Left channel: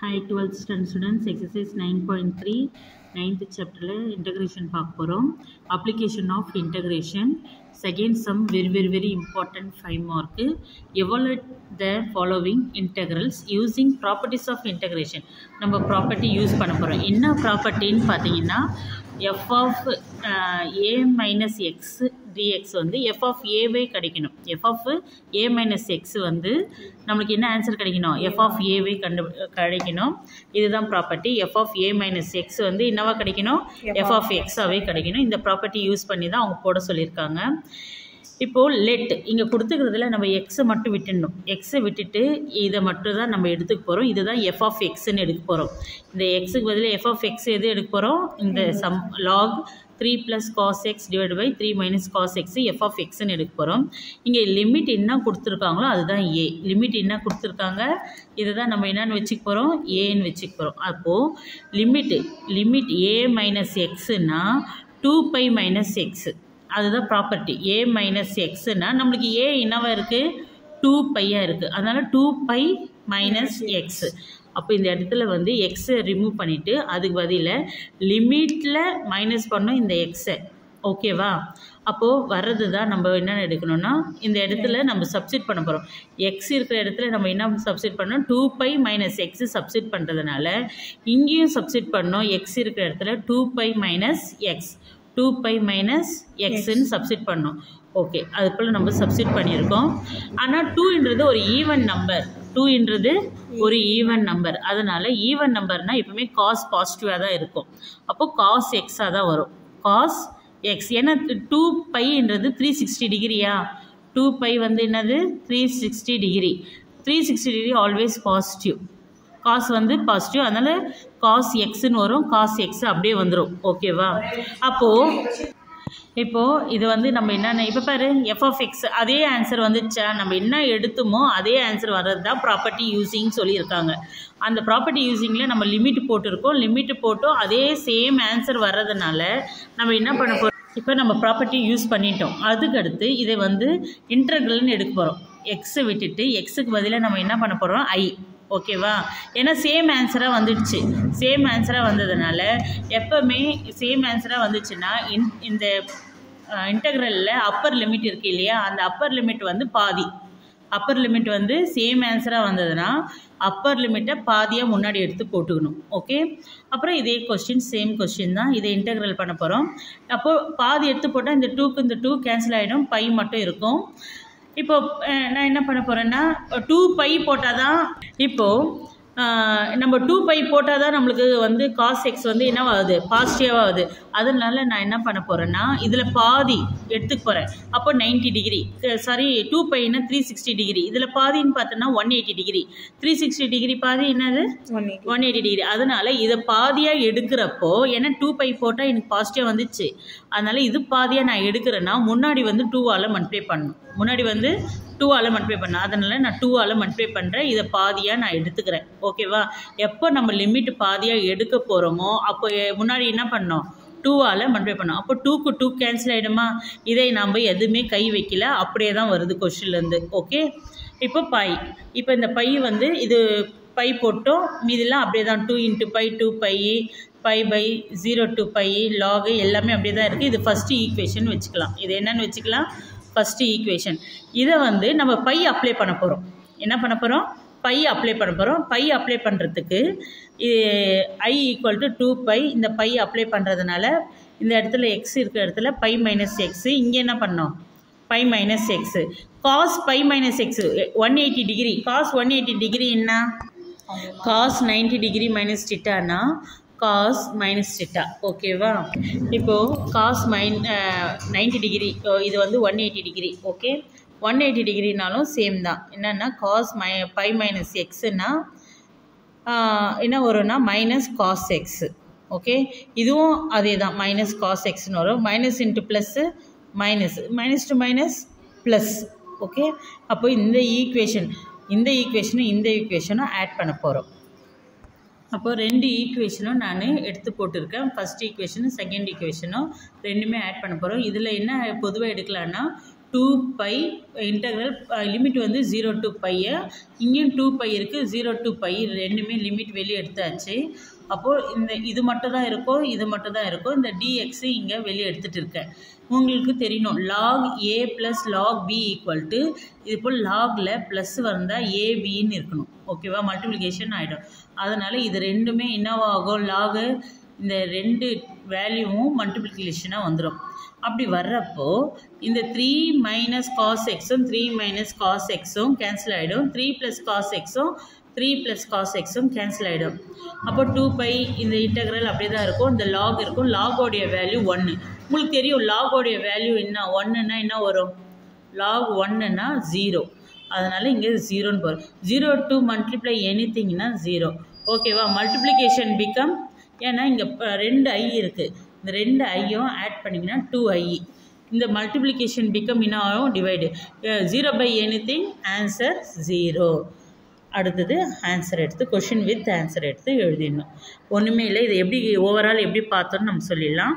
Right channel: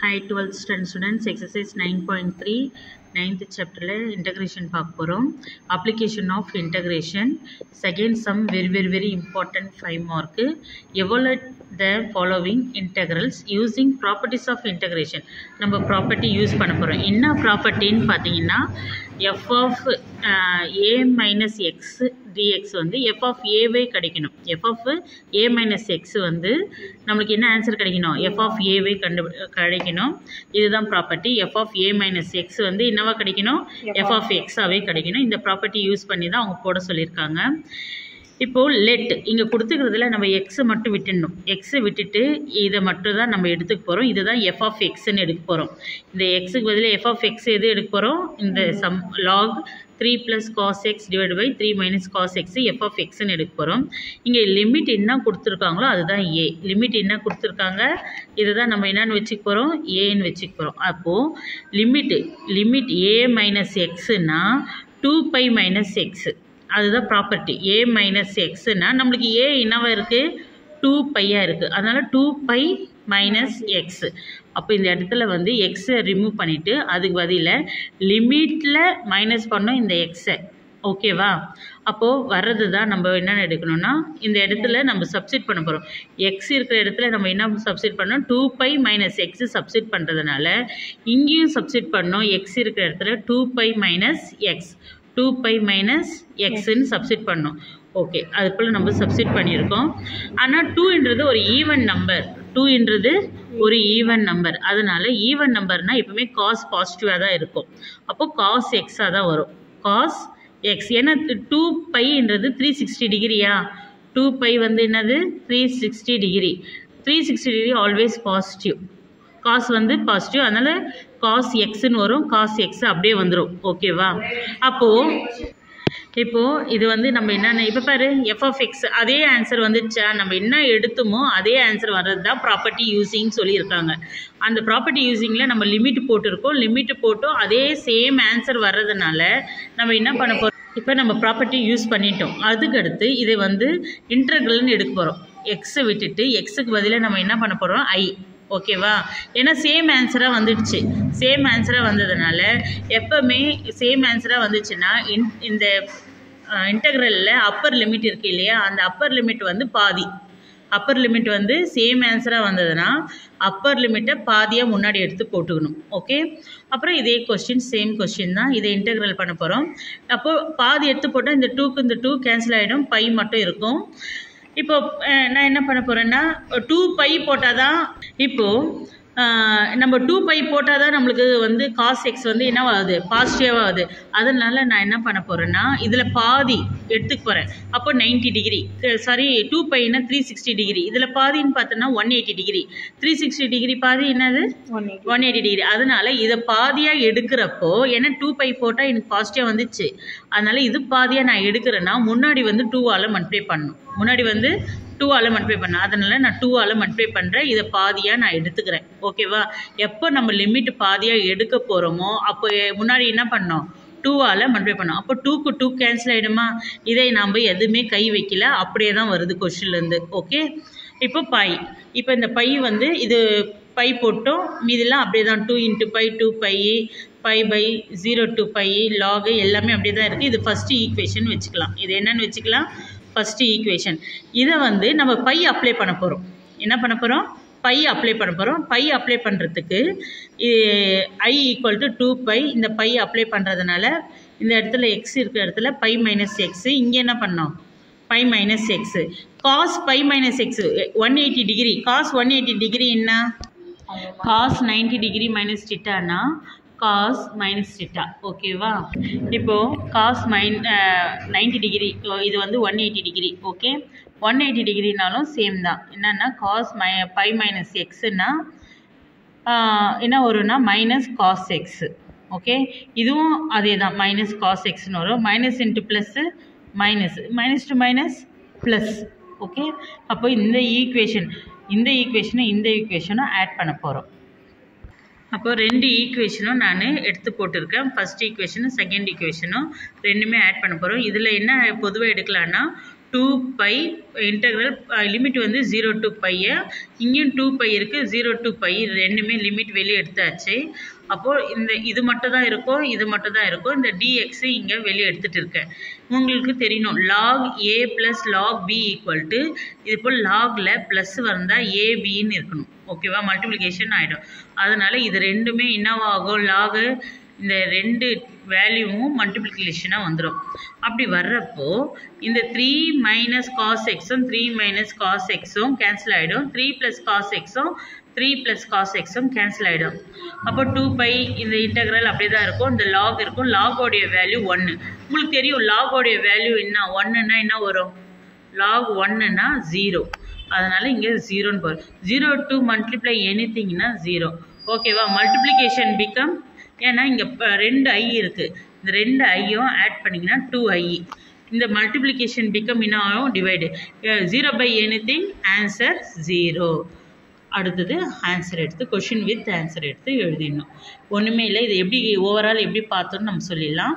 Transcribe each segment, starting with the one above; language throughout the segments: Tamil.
Hi 12th standard students, exercise 9.3 9th chapter integration பார்க்க போறோம். application of integration second sum very important 5 mark. Evaluate the following integrals using properties of integration. நம்ம property யூஸ் பண்ண போறோம். என்ன ப்ராப்பர்ட்டின்னு பார்த்தீங்கன்னா f of a minus x dx வந்து f of a வே கிடைக்கணும். f of a minus x வந்து நம்மளுக்கு என்ன ஆன்சர் கிடைக்கணும்? f of a வே கிடைக்கணும். இதுதான் property. f of a minus x வந்து என்னவா கிடைக்கணும்? f of x ஆவே கிடைக்கணும். இந்த ப்ராப்பர்ட்டி யூஸ் பண்ணி தான் அவங்க போட சொல்லியிருக்காங்க. இப்போது லெட் இங்கே கொடுத்துக்கிறதுல நம்ம எக்ஸை மட்டும் விட்டுடணும். எக்ஸை விட்டுட்டு இதை மட்டும் தான் நம்ம எடுத்துக்க போகிறோம். இதுதான் எஃப் ஆஃப் எக்ஸ்ன்னு எடுக்க போகிறோம். இந்த எக்ஸுக்கு பதிலாக எஃப் ஆஃப் எக்ஸ் எது எடுக்க போகிறோம்? இந்த sum log 3 + cos x / 3 - cos x F of எக்ஸ்ன்னு எடுக்க போகிறோம். இங்கே லிமிட் என்ன கொடுத்துருக்காங்களோ அதுதான் ஏ. லிமிட் என்ன கொடுத்துருக்காங்க? இதுதான் நம்ம என்னென்னு வச்சுக்க போகிறோம்? ஏன்னு வச்சுக்க போகிறோம். அப்போது லிமிட் ஏ மைனஸ் எக்ஸுன்னா 2π - x. அதுதான் ப்ராப்பர்ட்டி. ஏ மைனஸ் எக்ஸ்னா நம்மளுக்கு ஏ என்னவா இருக்குது? 2π இருக்குது. அதனால் 2π - x. அப்போ இந்த இடத்துல வந்து எக்ஸை ரிமூவ் பண்ணிவிட்டு அதுக்கு பதிலாக லிமிட்டில் மைனஸ் பண்ணோம் இந்த எக்ஸை. ஓகேவா? அப்போது வர்றது தான் நம்ம என்னென்ன எடுக்கணும்னா இந்த இடத்துல நம்ம சப்ஸ்டிட் பண்ண போகிறோம். எக்ஸ் இருக்கிற இடத்துல நம்ம என்ன சப்ஸ்டிட் பண்ணோம்? 2π - x சப்ஸ்டிட் பண்ணுறதுனால இங்கேயும் சப்ஸ்டிட் பண்ணோம். எக்ஸ் இருக்கிற இடத்துல 2π - x 2π - xன்னு சப்ஸ்டிட் பண்ணோம். ஓகே, அது போல் நம்ம சப்ஸ்டிட் பண்ணியிருக்கோம். ஆனால் 2ன்றது ஒரு ஈவன் நம்பர். 2ன்றது ஒரு ஈவன் நம்பர். அதனால் ஈவன் நம்பர்னால் எப்பவுமே காஸ் பாசிட்டிவாக தான் இருக்கும். அப்போது காஸ் எக்ஸாக தான் வரும். Cos x. ஏன்னா 2πன்றது 360 டிகிரியா? 2π வந்து என்னது? 360 degree. 360 degree always positive. Cos வந்து பாசிட்டிவ். அதனால் காஸ் எக்ஸ்ன்னு வரும். காஸ் எக்ஸ் அப்படியே வந்துடும். ஓகேவா? இப்போது இது வந்து நம்ம என்னென்ன இப்போ பாரு எஃப் ஆஃப் எக்ஸ் அதே ஆன்சர் வந்துச்சா? நம்ம என்ன எடுத்துமோ அதே ஆன்சர் வர்றது தான் ப்ராப்பர்ட்டி யூஸிங் சொல்லியிருக்காங்க. அந்த ப்ராப்பர்ட்டி யூஸிங்கில் நம்ம லிமிட் போட்டிருக்கோம். லிமிட் போட்டோம் அதே சேம் ஆன்சர் வர்றதுனால நம்ம என்ன பண்ண போகிறோம்? இப்போ நம்ம ப்ராப்பர்ட்டி யூஸ் பண்ணிட்டோம். அதுக்கடுத்து இதை வந்து இன்டர்கிரல்னு எடுக்க போகிறோம். எக்ஸை விட்டுட்டு எக்ஸுக்கு பதிலாக நம்ம என்ன பண்ண போகிறோம்? ஐ. ஓகேவா? ஏன்னா சேம் ஆன்சராக வந்துடுச்சு. சேம் ஆன்சராக வந்ததுனால எப்போவுமே சேம் ஆன்சராக வந்துச்சுன்னா இந்த இன்டெக்ரலில் அப்பர் லிமிட் இருக்குது இல்லையா? அந்த அப்பர் லிமிட் வந்து பாதி. அப்பர் லிமிட் வந்து சேம் ஆன்சராக வந்ததுன்னா அப்பர் லிமிட்டை பாதியாக முன்னாடி எடுத்து போட்டுக்கணும். ஓகே, அப்புறம் இதே கொஸ்டின் சேம் கொஸ்டின் தான். இதை இன்டெக்ரல் பண்ண போகிறோம். அப்போது பாதி எடுத்து போட்டால் இந்த 2க்கு இந்த 2 கேன்சல் ஆகிடும். பை மட்டும் இருக்கும். இப்போது நான் என்ன பண்ண போகிறேன்னா 2π போட்டால் தான் இப்போது நம்ம 2π போட்டால் தான் நம்மளுக்கு வந்து காஸ் எக்ஸ் வந்து என்ன ஆகுது? பாசிட்டிவாக ஆகுது. அதனால நான் என்ன பண்ண போகிறேன்னா இதில் பாதி எடுத்துக்க போகிறேன். அப்போ 90 டிகிரி. Sorry, 2πன்னா 360 degree. இதில் பாதின்னு பார்த்தோன்னா 180 டிகிரி. 360 டிகிரி பாதி என்னது? 180 டிகிரி. அதனால் இதை பாதியாக எடுக்கிறப்போ ஏன்னா 2π போட்டால் எனக்கு பாசிட்டிவாக வந்துச்சு. அதனால் இது பாதியாக நான் எடுக்கிறேன்னா முன்னாடி வந்து 2ஆல் மல்டிப்ளை பண்ணணும். முன்னாடி வந்து 2ஆல் மல்டிப்ளை பண்ணேன். அதனால் நான் 2ஆல் மல்டிப்ளை பண்ணுறேன். இதை பாதியாக நான் எடுத்துக்கிறேன். ஓகேவா? எப்போ நம்ம லிமிட் பாதியாக எடுக்க போகிறோமோ அப்போ முன்னாடி என்ன பண்ணோம்? 2ஆல் மல்டிப்ளை பண்ணோம். அப்போ 2க்கு 2 கேன்சல் ஆகிடுமா? இதை நாம் எதுவுமே கை வைக்கல. அப்படியே தான் வருது கொஸ்டின்லேருந்து. ஓகே, இப்போ பை. இப்போ இந்த பை வந்து இது பை போட்டோம். மீதெல்லாம் அப்படியே தான் 2 × π 2π π/0 to π லாகு எல்லாமே அப்படியே தான் இருக்குது. இது ஃபஸ்ட்டு ஈக்குவேஷன் வச்சுக்கலாம். இது என்னென்னு வச்சுக்கலாம்? First equation. இதை வந்து நம்ம பை அப்ளை பண்ண போகிறோம். என்ன பண்ண போகிறோம்? பை அப்ளை பண்ண போகிறோம். பை அப்ளை பண்ணுறதுக்கு i = 2π. இந்த பை அப்ளை பண்ணுறதுனால இந்த இடத்துல எக்ஸ் இருக்கிற இடத்துல π - x. இங்கே என்ன பண்ணோம்? π - x. Cos π - x 180 degree. Cos 180 degree என்ன? காஸ் 90 டிகிரி மைனஸ் θன்னா காஸ் மைனஸ் θ. ஓகேவா? இப்போது காஸ் 90 டிகிரி இது வந்து 180 டிகிரி. ஓகே, 180 டிகிரினாலும் சேம் தான். என்னென்னா காஸ் π - xன்னா என்ன வரும்னா மைனஸ் காஸ் எக்ஸ். ஓகே, இதுவும் அதே தான் மைனஸ் காஸ் எக்ஸ்னு வரும். Minus into plus minus, minus to minus plus. Okay, அப்போ இந்த ஈக்குவேஷனும் ஆட் பண்ண போகிறோம். அப்போ 2 ஈக்குவேஷனும் நான் எடுத்து போட்டிருக்கேன். ஃபஸ்ட் ஈக்குவேஷனும் செகண்ட் ஈக்குவேஷனும் ரெண்டுமே ஆட் பண்ண போகிறோம். இதில் என்ன பொதுவாக எடுக்கலான்னா 2π இன்டெக்ரல் லிமிட் வந்து 0 to π, இங்கேயும் 2π இருக்குது, 0 to π ரெண்டுமே லிமிட் வெளியே எடுத்தாச்சு. அப்போது இது மட்டும் தான் இருக்கும், இது மட்டும் தான் இருக்கும். இந்த dx இங்கே வெளியே எடுத்துகிட்டு இருக்கேன். உங்களுக்கு தெரியணும் log a + log b = இது போல் லாகில் ப்ளஸ் வந்தால் abன்னு இருக்கணும். ஓகேவா? மல்டிப்ளிகேஷன் ஆகிடும். அதனால் இது ரெண்டுமே என்னவாகும், லாகு இந்த ரெண்டு வேல்யூவும் மல்டிப்ளிகேஷனாக வந்துடும். அப்படி வர்றப்போ இந்த 3 - cos x-உம் 3 - cos x-உம் கேன்சல் ஆகிடும். 3 + cos x-உம் 3 + cos x-உம் கேன்சல் ஆகிடும். அப்போ 2π இந்த இன்டெக்ரல் அப்படியே தான் இருக்கும். இந்த லாக் இருக்கும். லாகோடைய வேல்யூ 1. உங்களுக்கு தெரியும் லாகோடைய வேல்யூ என்ன, 1ன்னா என்ன வரும், லாக் 1ன்னா 0. அதனால் இங்கே 0ன்னு போகும். 0 to multiply anythingனா 0. ஓகேவா? மல்டிப்ளிகேஷன் பிகம், ஏன்னா இங்கே 2 i இருக்குது. இந்த 2 ஐயும் ஆட் பண்ணிங்கன்னா 2i. இந்த மல்டிப்ளிகேஷன் பிகம் என்ன ஆகும், டிவைடு. 0 by anything, answer 0. அடுத்தது ஆன்சர் எடுத்து கொஷின் வித் ஆன்சர் எடுத்து எழுதிடணும். ஒன்றுமே இல்லை. இது எப்படி ஓவரால் எப்படி பார்த்தோன்னு நம்ம சொல்லிடலாம்.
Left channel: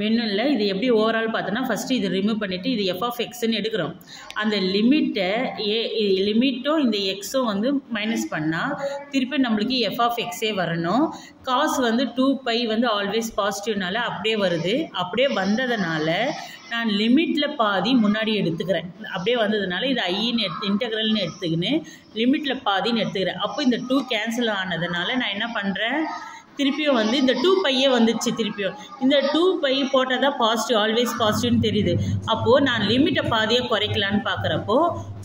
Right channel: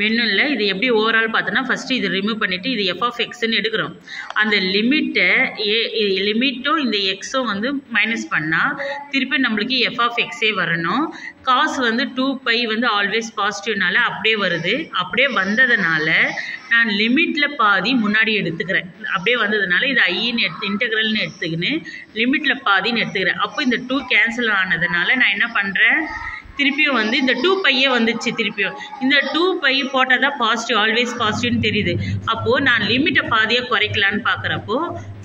வேணும் இல்லை, இது எப்படி ஓவரால் பார்த்தோன்னா ஃபஸ்ட்டு இது ரிமூவ் பண்ணிவிட்டு இது f(x)ன்னு எடுக்கிறோம். அந்த லிமிட்டும் இந்த எக்ஸும் வந்து மைனஸ் பண்ணால் திருப்பி நம்மளுக்கு f(x)ஏ வரணும். காசு வந்து 2π வந்து ஆல்வேஸ் பாசிட்டிவ்னால அப்படியே வருது. அப்படியே வந்ததுனால நான் லிமிட்டில் பாதி முன்னாடி எடுத்துக்கிறேன். அப்படியே வந்ததுனால இது ஐன்னு இன்டெக்ரல்னு எடுத்துக்கின்னு லிமிட்டில் பாதின்னு எடுத்துக்கிறேன். அப்போ இந்த 2 கேன்சல் ஆனதுனால நான் என்ன பண்ணுறேன், திருப்பியும் வந்து இந்த 2πயே வந்துச்சு. திருப்பியும் இந்த 2π போட்டால் தான் பாசிட்டிவ், ஆல்வேஸ் பாசிட்டிவ்னு தெரியுது. அப்போது நான் லிமிட்டை பாதியை குறைக்கலான்னு பார்க்குறப்போ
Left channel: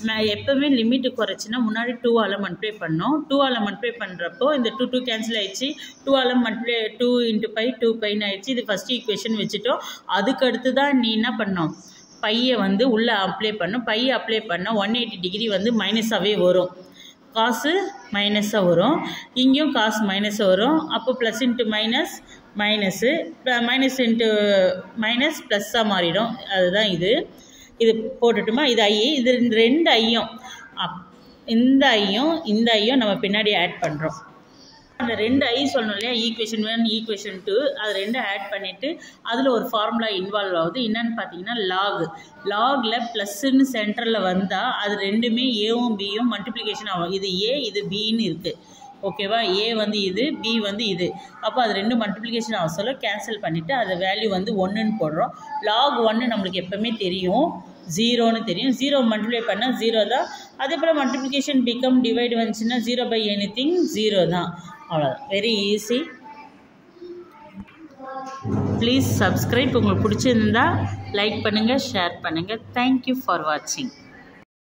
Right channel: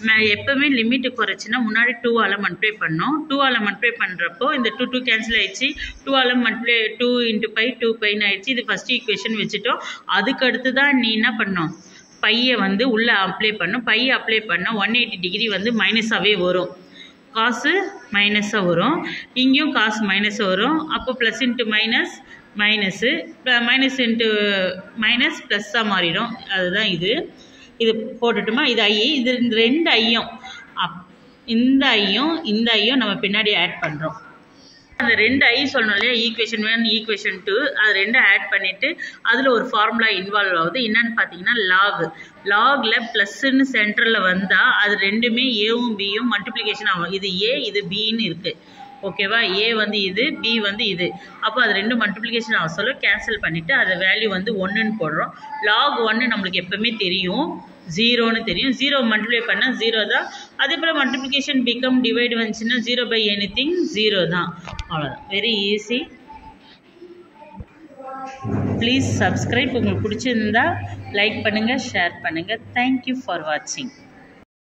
நான் எப்போவுமே லிமிட்டு குறைச்சின்னா முன்னாடி 2ஆல் மல்டிப்ளை பண்ணோம். 2ஆல் மல்டிப்ளை பண்ணுறப்போ இந்த 2 கேன்சல் ஆகிடுச்சு. 2ஆல் மல்டிப்ளை 2 × π 2πன்னு ஆகிடுச்சு. இது ஃபஸ்ட்டு ஈக்குவேஷன் வச்சுட்டோம். அதுக்கடுத்து தான் நீ என்ன பண்ணோம், பையை வந்து உள்ளே அப்ளை பண்ணோம். பையை அப்ளை பண்ணால் 180 டிகிரி வந்து மைனஸாகவே வரும். காசு மைனஸாக வரும், இங்கேயும் காசு மைனஸாக வரும். அப்போ plus into minus minus, minus into minus ப்ளஸ்ஸாக மாறிடும். அதுதான் இது போட்டுட்டுமா. இது ஐ, இது இந்த 2 ஐயும் இந்த ஐயும் நம்ம பின்னாடி ஆட் பண்ணுறோம். அந்த 2 ஐ சொல்லணும் இல்லையா, ஈக்குவேஷன் 1 ஈக்குவேஷன் 2 அது 2 ஆட் பண்ணிவிட்டு அதில் ஒரு ஃபார்முலா இன்வால்வ் ஆகுது. என்னன்னு பார்த்தீங்கன்னா லாகில் ப்ளஸ்ன்னு சென்டரில் வந்தால் அது ரெண்டுமே ஏவும் பியும் மல்டிப்ளிகேஷன் ஆகும். இது ஏ இது பின்னு இருக்குது. ஓகேவா? ஏ வந்து இது, பி வந்து இது. அப்போ அது 2 மல்டிப்ளிகேஷன் ஆக சொல்ல கேன்சல் பண்ணிவிட்டு அது வேல்யூ வந்து 1ன்னு போடுறோம். லாக் 1 நம்மளுக்கு எப்போவுமே தெரியும், 0ன்னு தெரியும். 0 மல்டிப்ளை பண்ணால் 0 தான். அதே போல் மல்டிப்ளிகேஷன் பிகம் டிவைடு வந்துச்சுன்னா 0 by anything 0 தான். அவ்வளோதான். Very easy. Please subscribe. உங்களுக்கு பிடிச்சிருந்தா லைக் பண்ணுங்கள், ஷேர் பண்ணுங்கள். தேங்க்யூ ஃபார் வாட்சிங்.